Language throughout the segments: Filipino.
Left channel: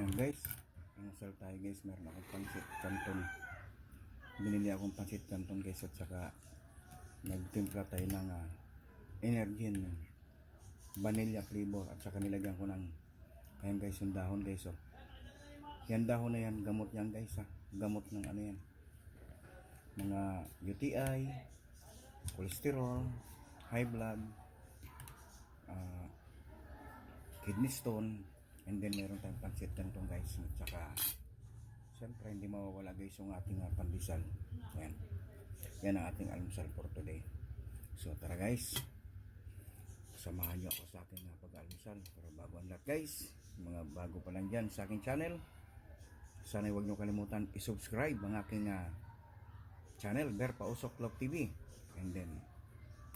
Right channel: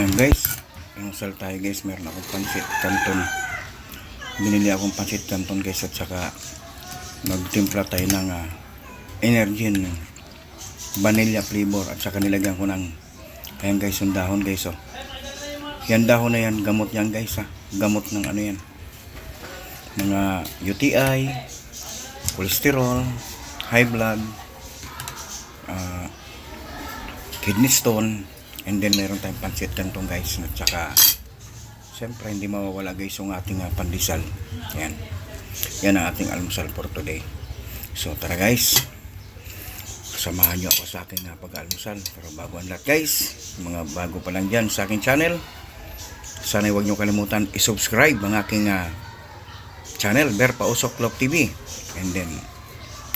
Ayan guys, inusal tayo guys, meron akong pansit canton. Binili akong pansit canton guys, at saka magtimpla tayo ng Energin vanilla flavor, at saka nilagyan ko ng ayan guys, yung dahon guys. Oh, yan dahon na yan, gamot yan guys, gamot ng ano yan, mga UTI, cholesterol, high blood, kidney stone. And then meron tayong pansit canton guys, at saka siyempre hindi mawawala guys yung ating pandesal. Yan ang ating almusal for today. So tara guys, samahan nyo ako sa aking pag-almusal. Pero bago ang lahat guys, mga bago pa lang dyan sa aking channel, sana huwag nyo kalimutan i-subscribe ang aking channel, Ber Pausok Love TV. And then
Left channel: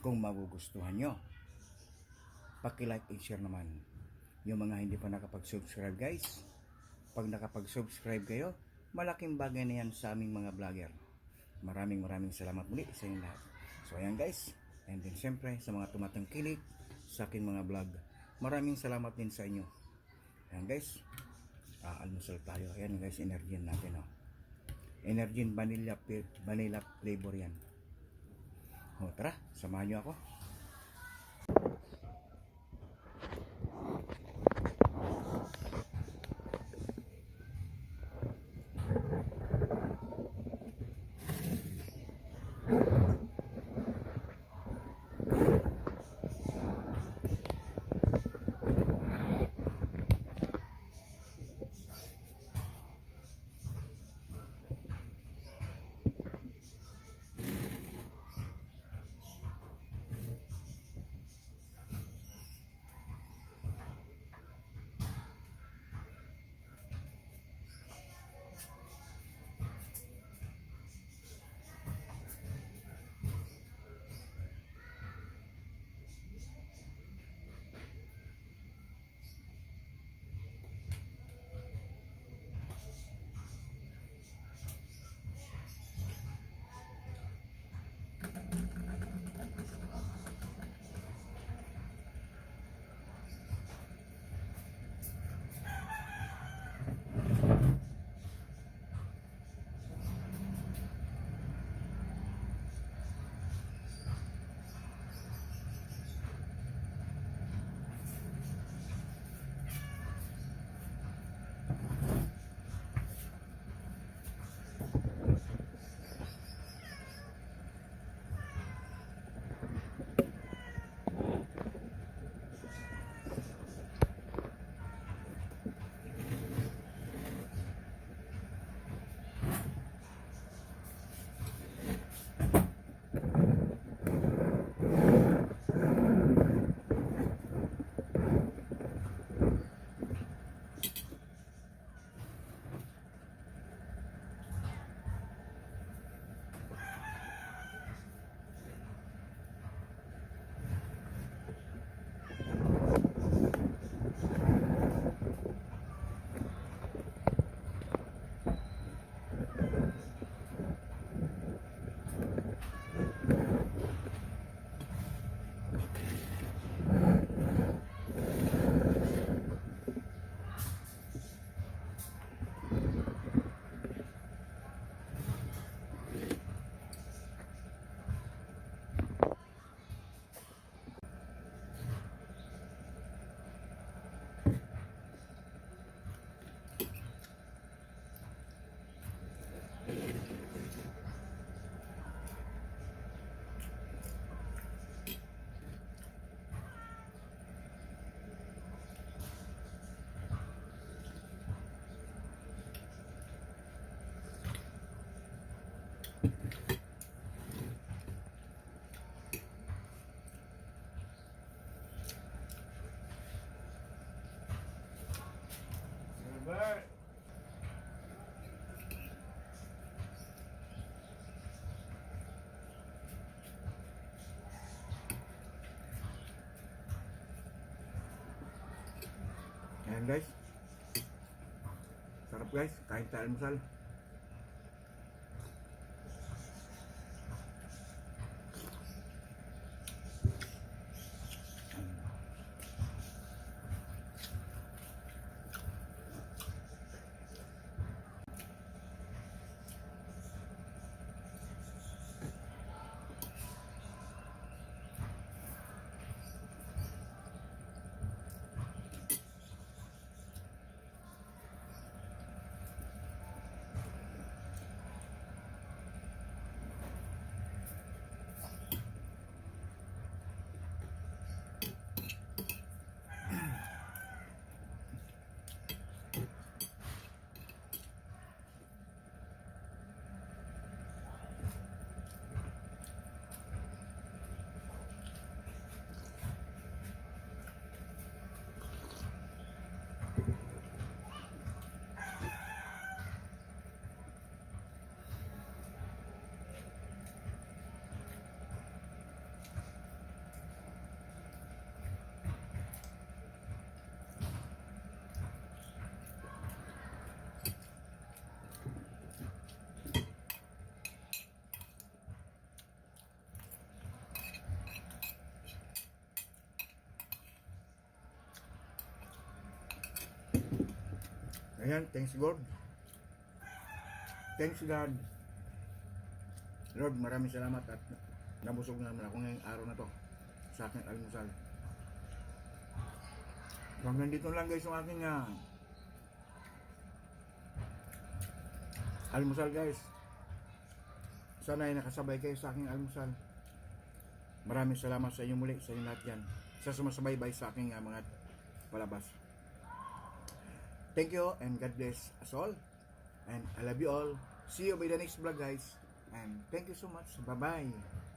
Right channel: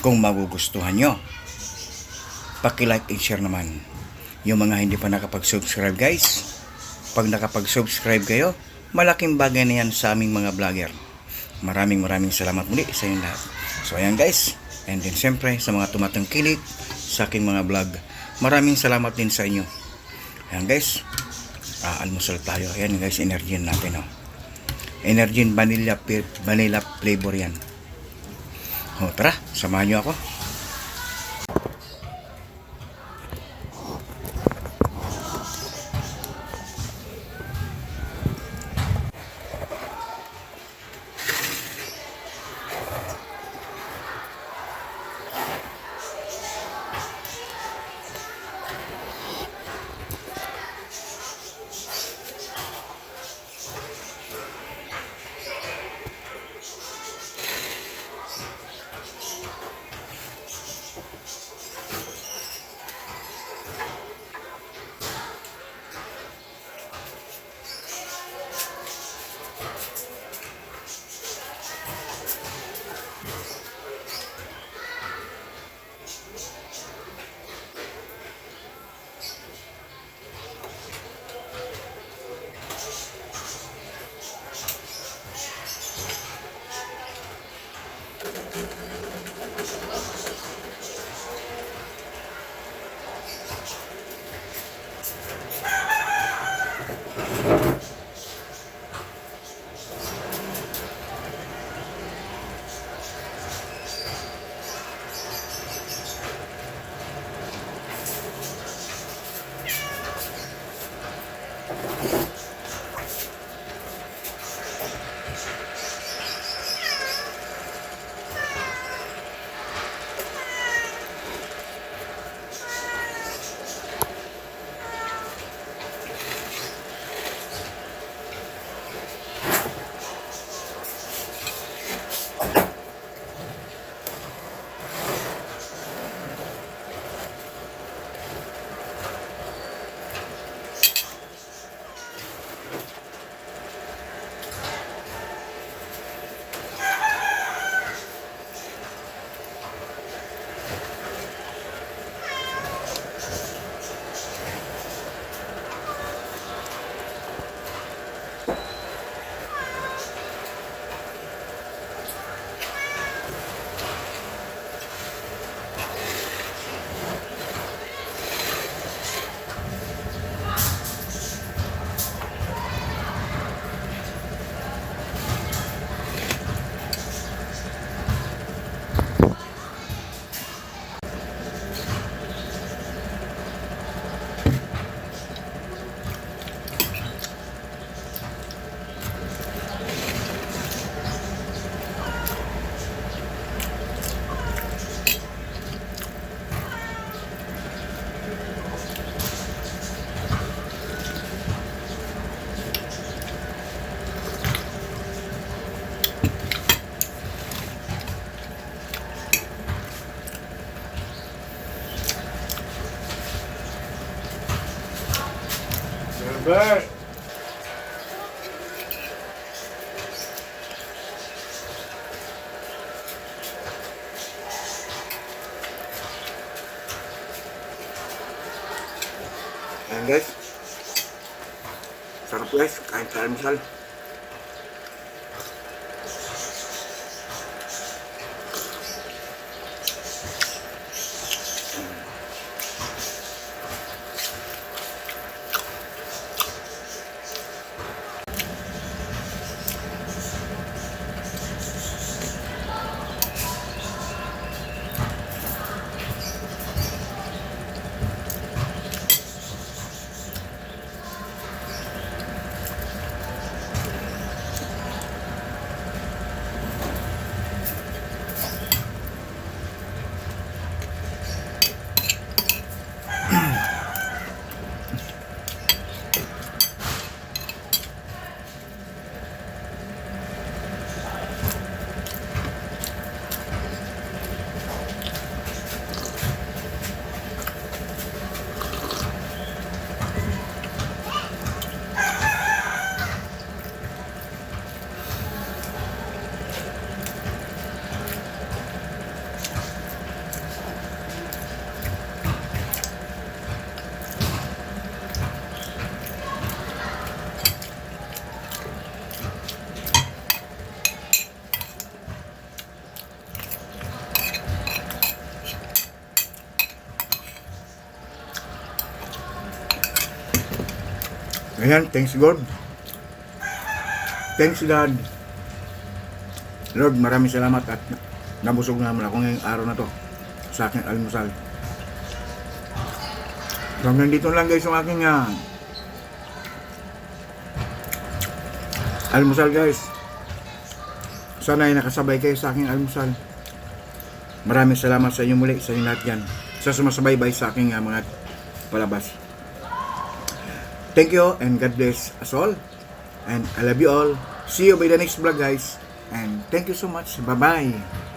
kung magugustuhan nyo, paki-like and share naman. Yung mga hindi pa nakapag-subscribe guys, pag nakapag-subscribe kayo, malaking bagay na yan sa aming mga vlogger. Maraming salamat muli sa inyo lahat. So ayan guys, and then siyempre sa mga tumatangkilik sa aking mga vlog, maraming salamat din sa inyo. Ayan guys, almusal tayo. Ayan guys, Energin natin. Energin vanilla flavor yan. Tara, samahan nyo ako. Bert. Ayan guys, sarap guys, kain sa almusal. Ayan, thanks God. Thanks God. Lord, maraming salamat at nabusog naman ako ngayong araw na to sa aking almusal. So, hanggang dito lang guys yung aking almusal guys. Sana ay nakasabay kayo sa aking almusal. Maraming salamat sa inyo muli, sa inyo lahat yan, sa sumasabaybay sa aking mga palabas. Thank you and God bless us all. And I love you all. See you by the next vlog guys. And thank you so much. Bye-bye.